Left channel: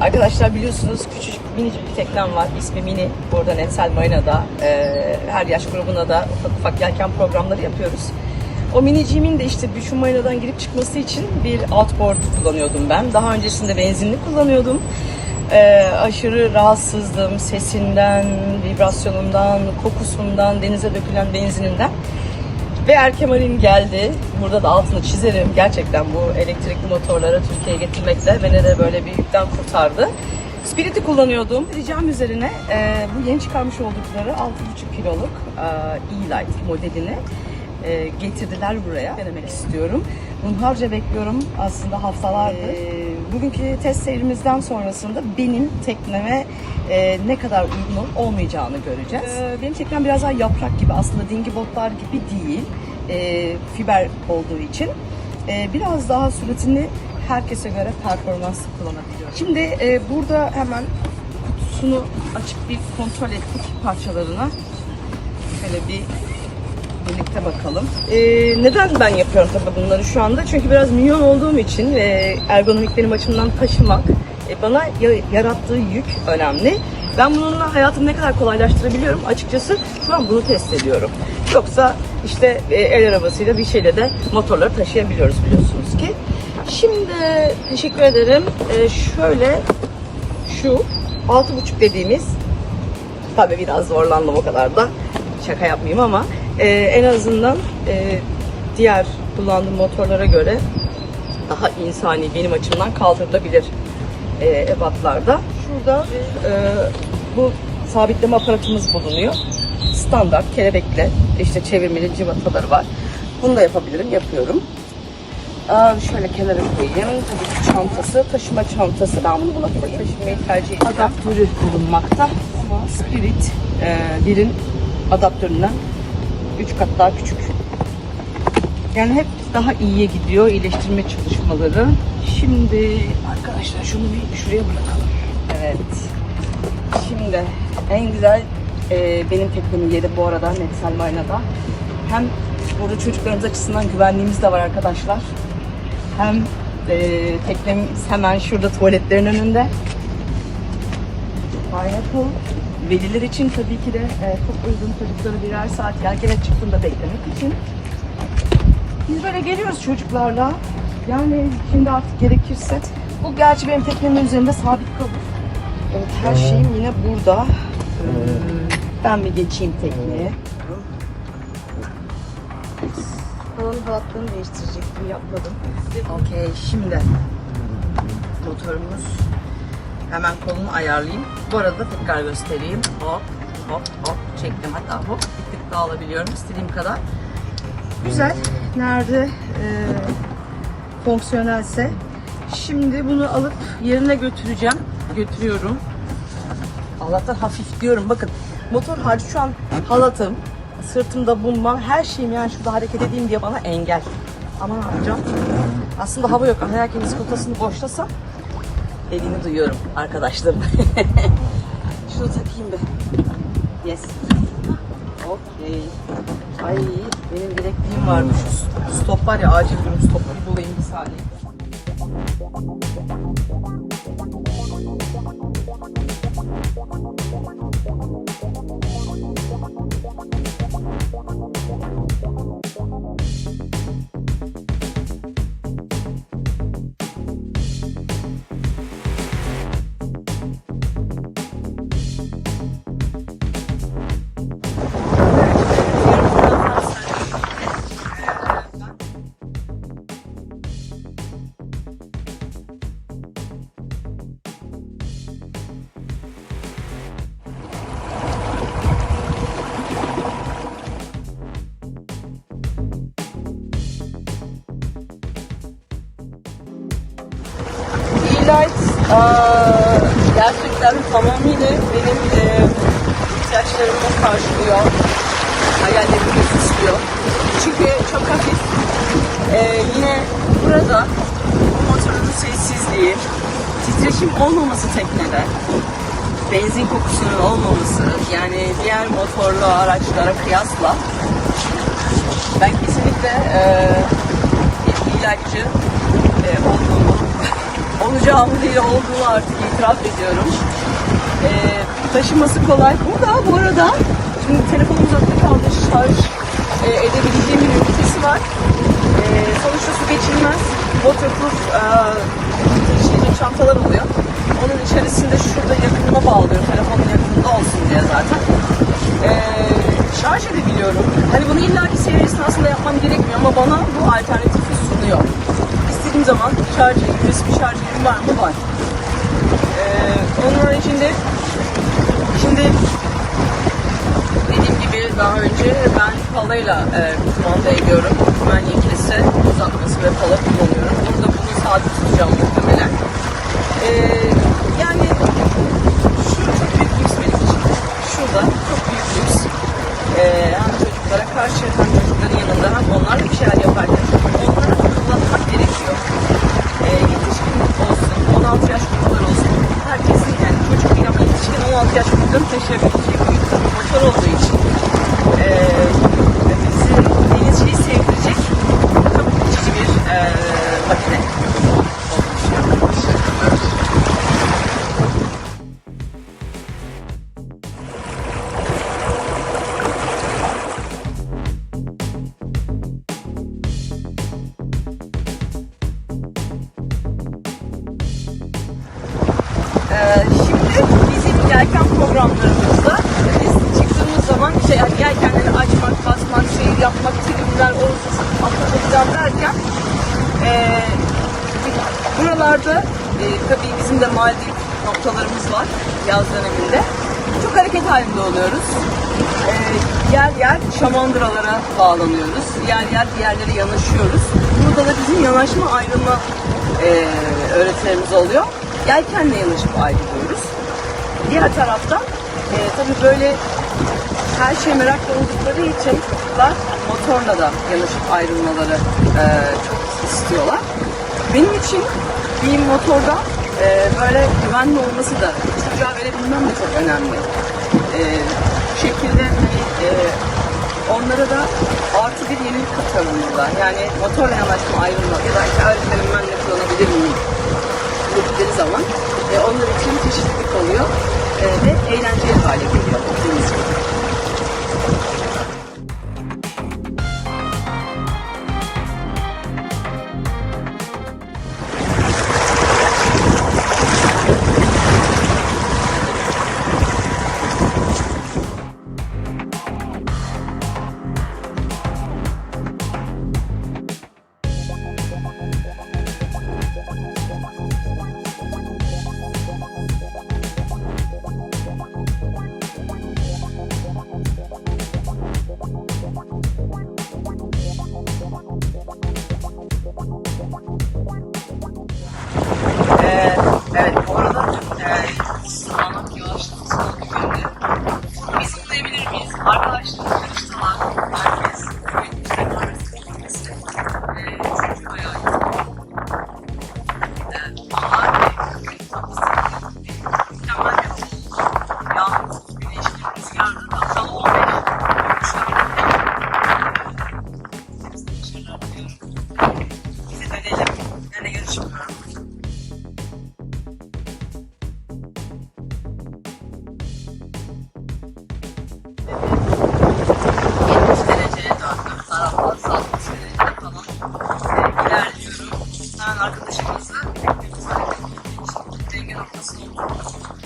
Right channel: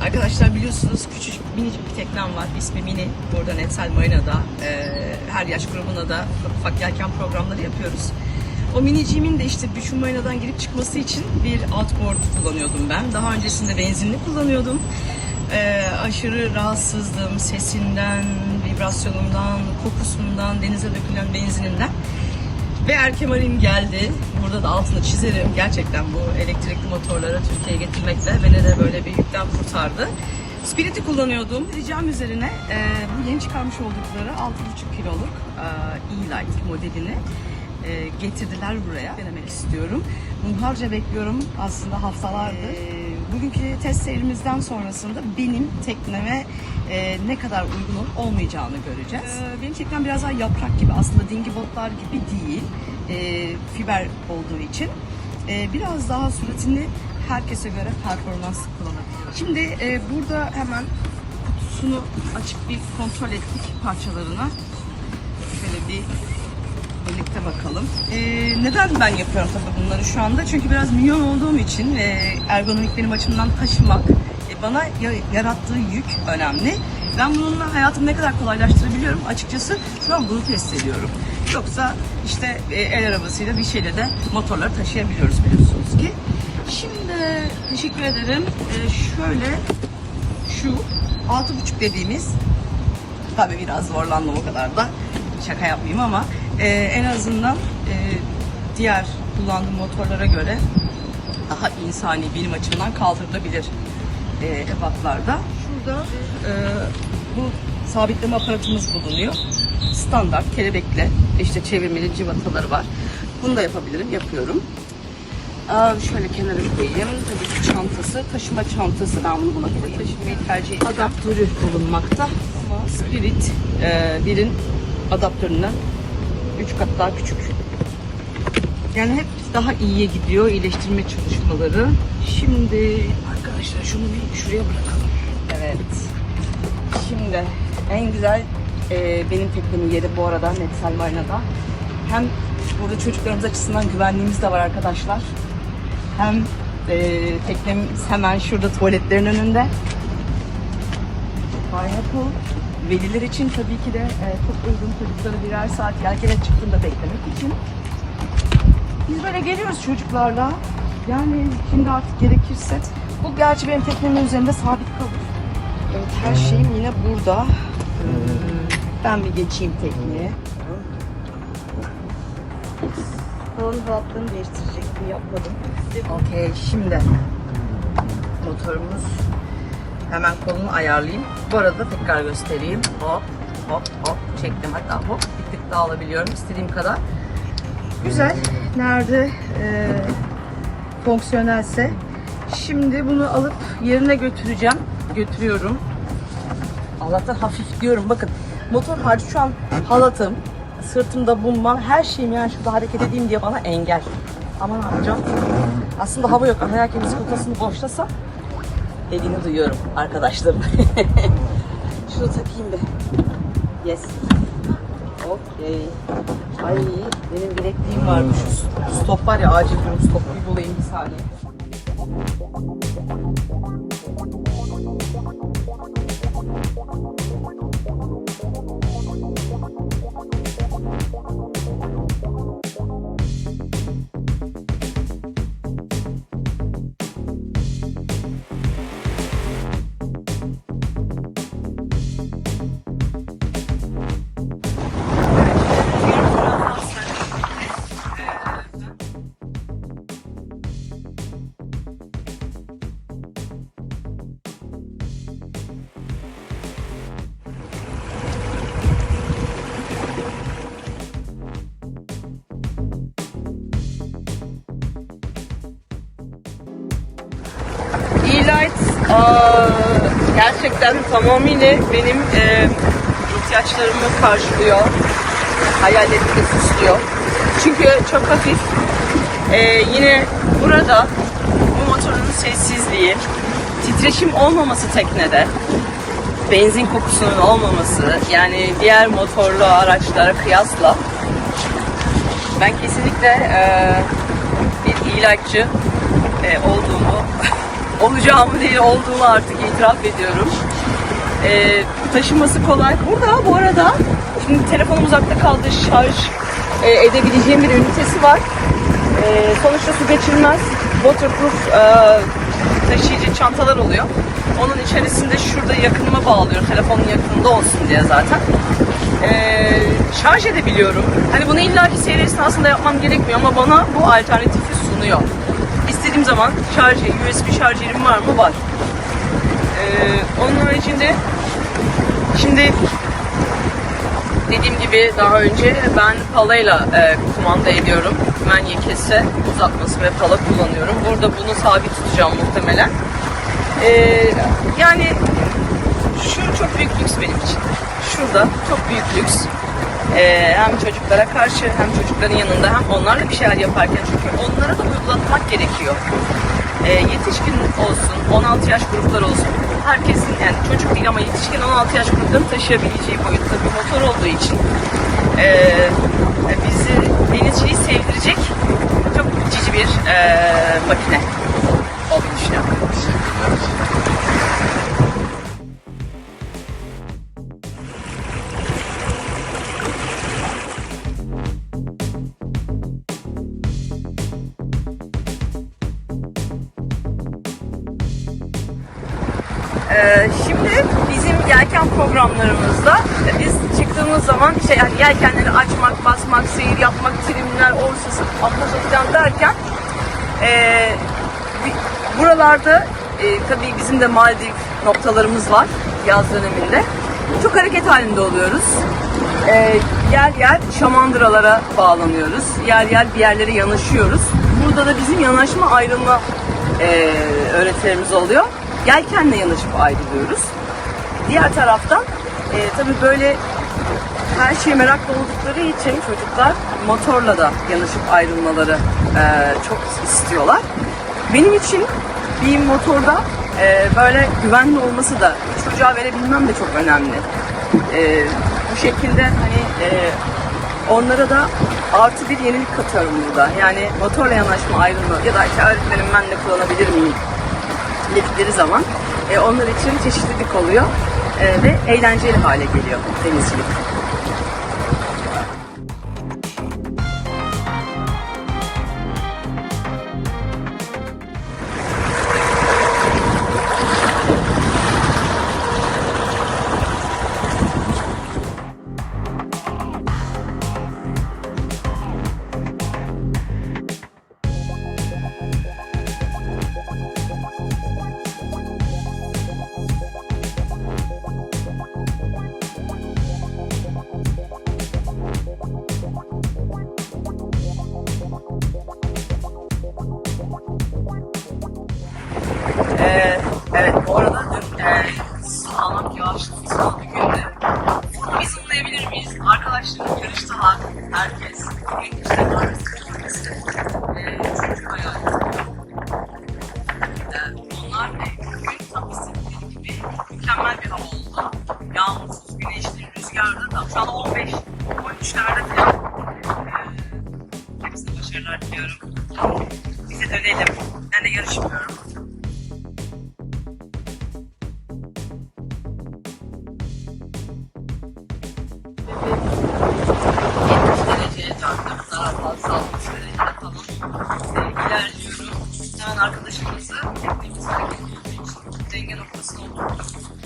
Arkadaşlar biliyorsunuz küçücük minicik bir teknem var. İsmi Mini. Burada Netsel Marina'da e, her yaş grubuna da ufak ufak yelken programları yapıyoruz. O miniciğimin de işte şu marinadan girip çıkması için bir outboard kullanıyordum ben. Daha öncesinde benzinli kullanıyordum. E, aşırı rahatsızdım sesinden, vibrasyonundan, kokusundan, denize dökülen benzininden. Ve Erkemal'in geldi. Burada da altını çizerim. Gerçekten bu elektrikli motorları Türkiye'ye getirmekle beni de böyle bir yükten kurtardı. Spirit'i kullanıyordum. Ricam üzerine e, bu yeni çıkarmış oldukları 6,5 kiloluk e, E-Light modelini e, getirdiler buraya. Denemek istiyorum. Hunharca bekliyorum aslında haftalardır. E, bugünkü test seyrimizden sonrasında benim tekneme e, ne kadar uygun olmayacağını göreceğiz. E, benim teknem biraz daha yaprak gibi aslında dingi botlar gibi değil. E, fiber olduğu için. E, biraz daha süratini herkese göre performanslı kullanabiliyor. Şimdi e, burada hemen kutusunu açıp bir kontrol ettik parçalarına. Şöyle bir birlikte bakalım. Ee, neden ben yapıyorum tabii bunları şu anda? Çünkü biraz minyon olduğum için ve ergonomik benim açımdan taşımak e, bana ya- yarattığı yük önemli. Ben bununla hayatımı ne kadar kolaylaştırabiliyorum açıkçası şu an bunu test ediyorum. Yoksa işte e, el arabasıyla bir şeyle de motorları taşıyabiliyoruz biliyorsunuz ki. Şimdi teşekkür ederim. Ee, şöyle şu 6.5 dediğimiz Tabii biraz zorlandım o kadar da şaka yapmayayım ama e, en azından e, diğer kullandığım motorlara göre daha insani benim açımdan kaldırılabilir e, ebatlarda. Şurada e, bu sabitleme aparatımız bulunuyor. Standart kelebekle işte çevirmeli civataları var. Bunu da yapabilirim, yapıyorum. Aa, şöyle kenara koyayım. Tabii ki çantası, taşıma çantası. Ben bunu buna koyayım. Taşımayı tercih edeceğim. Adaptörü bulunmakta. Spirit e, birin adaptöründen 3 kat daha küçük. Yani hep daha iyiye gidiyor iyileştirme çalışmaları. Şimdi arkadaşlar şunu bir şuraya bırakalım. Evet. Şimdi en güzel e, benim teknemin yeri bu arada Netsel Marina'da. Hem burada çocuklarımız açısından güvenliğimiz de var arkadaşlar. Hem e, teknemiz hemen şurada tuvaletlerin önünde. Pineapple. Veliler için tabii ki de e, çok uygun çocukları birer saat yelkene çıktığında beklemek için. Biz böyle geliyoruz çocuklarla. Yani şimdi artık gerekirse. Bu gerçi benim teknemin üzerinde sabit kalır. Evet her şeyim yine burada. Ee, ben bir geçeyim tekneye. Havanın halatlarını değiştirecektim yapmadım. Okey şimdi motorumuz hemen kolunu ayarlayayım. Bu arada tekrar göstereyim. Hop hop hop çektim hatta hop bir tık daha alabiliyorum istediğim kadar. Güzel. Nerede e, fonksiyonelse. Şimdi bunu alıp yerine götüreceğim. Götürüyorum. Allah'tan hafif diyorum. Bakın motor hariç şu an halatım, sırtımda bulmam, her şeyim yani şurada hareket edeyim diye bana engel. Ama ne yapacağım? Aslında hava yok. Herkesin bisikletasını boşlasam dediğini duyuyorum arkadaşlarım. Şunu takayım bir. Yes. Okey. Ay benim bilekliğim varmış. Stop var ya acil durum stop. Bir bulayım bir saniye. Gerçekten tamamıyla benim e, ihtiyaçlarımı karşılıyor. Hayallerimi istiyor. Çünkü çok hafif. E, yine burada bu motorun sessizliği, titreşim olmaması teknede, benzin kokusunun olmaması, yani diğer motorlu araçlara kıyasla ben kesinlikle e, bir e-lightçı e, olduğumu olacağımı değil olduğunu artık itiraf ediyorum. Ee, taşıması kolay. Burada bu arada şimdi telefonum uzakta kaldı şarj e, edebileceğim bir ünitesi var. Ee, sonuçta su geçirmez. Waterproof e, taşıyıcı çantalar oluyor. Onun içerisinde şurada yakınıma bağlıyor. Telefonun yakınında olsun diye zaten. Ee, şarj edebiliyorum. Hani bunu illaki seyir esnasında yapmam gerekmiyor ama bana bu alternatifi sunuyor. İstediğim zaman şarj, USB şarjerim var mı? Var. Ee, onun haricinde şimdi dediğim gibi daha önce ben palayla e, kumanda ediyorum. Ben kese uzatması ve pala kullanıyorum. Burada bunu sabit tutacağım muhtemelen. Ee, yani şu çok büyük lüks benim için. Şurada çok büyük lüks. Ee, hem çocuklara karşı hem çocukların yanında hem onlarla bir şeyler yaparken çünkü onlara da uygulatmak gerekiyor. Ee, yetişkin olsun, 16 yaş gruplar olsun, herkesin yani çocuk değil ama yetişkin 16 yaş gruplarını taşıyabileceği boyutta bir motor olduğu için ee, bizi denizciyi sevdirecek çok cici bir ee, makine olduğunu düşünüyorum. Ee, bizim yelken programlarımızda biz çıktığımız zaman şey yani yelkenleri açmak, basmak, seyir yapmak, trimler, orsası, atlama falan derken bi- buralarda e, tabii bizim de Maldiv noktalarımız var yaz döneminde. Çok hareket halinde oluyoruz. Ee, yer yer şamandıralara bağlanıyoruz. Yer yer bir yerlere yanaşıyoruz. Burada da bizim yanaşma ayrılma e, öğretilerimiz oluyor. Yelkenle yanaşıp ayrılıyoruz. Diğer taraftan e, tabii böyle her şeye meraklı oldukları için çocuklar motorla da yanaşıp ayrılmaları e, çok istiyorlar. Benim için bir motorda e, böyle güvenli olması da çocuğa verebilmem de çok önemli. E, bu şekilde hani e, onlara da artı bir yenilik katıyorum burada. Yani motorla yanaşma ayrılma ya da işte öğretmenim ben kullanabilir miyim dedikleri zaman e, onlar için çeşitlilik oluyor e, ve eğlenceli hale geliyor denizcilik. Fazla şöyle yapalım. Ee, ilerliyorum. Hemen arkadaşımızı denge noktasına oturttum.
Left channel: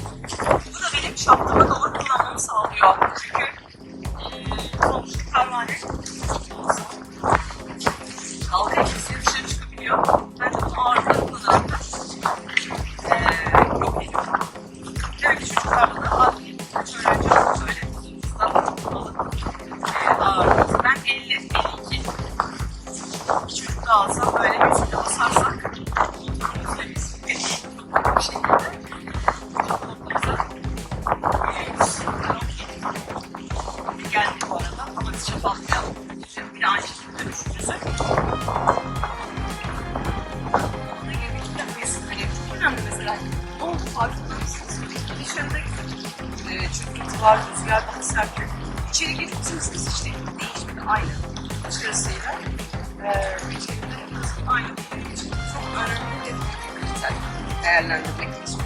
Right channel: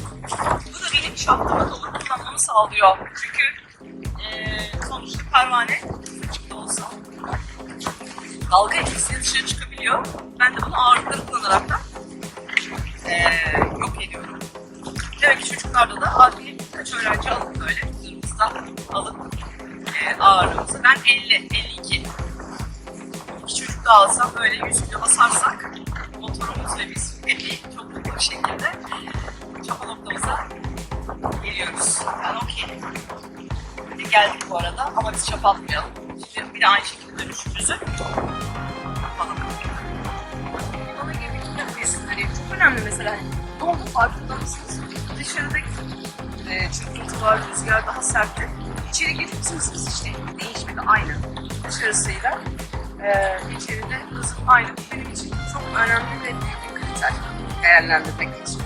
Bu da benim şapkama dolu kullanmamı sağlıyor. Çünkü e, sonuçta pervane dalga etkisiyle dışarı çıkabiliyor. Ben de bunu ağırlıkla kullanarak da e, yok ediyorum. Demek ki çocuklarda da adli kaç öğrenci alıp böyle hızımızdan alıp e, ağırlığımızı. Ben 50, 52. Bir çocuk da alsam böyle yüzüne basarsak motorumuzla biz 50 çok mutlu bir şekilde çok noktamıza geliyoruz. Ben okey. Geldik bu arada ama biz çapatmayalım. Şimdi bir de aynı şekilde dönüşümüzü. Ona göre gitmemiz hani çok önemli mesela. Ne oldu farkında mısınız? Dışarıda e, var, rüzgar daha sert. İçeri girdiğimiz hız işte değişmedi aynı dışarısıyla. E, içeride aynı. Benim için çok önemli ve bir kriter. değerlendirmek lazım.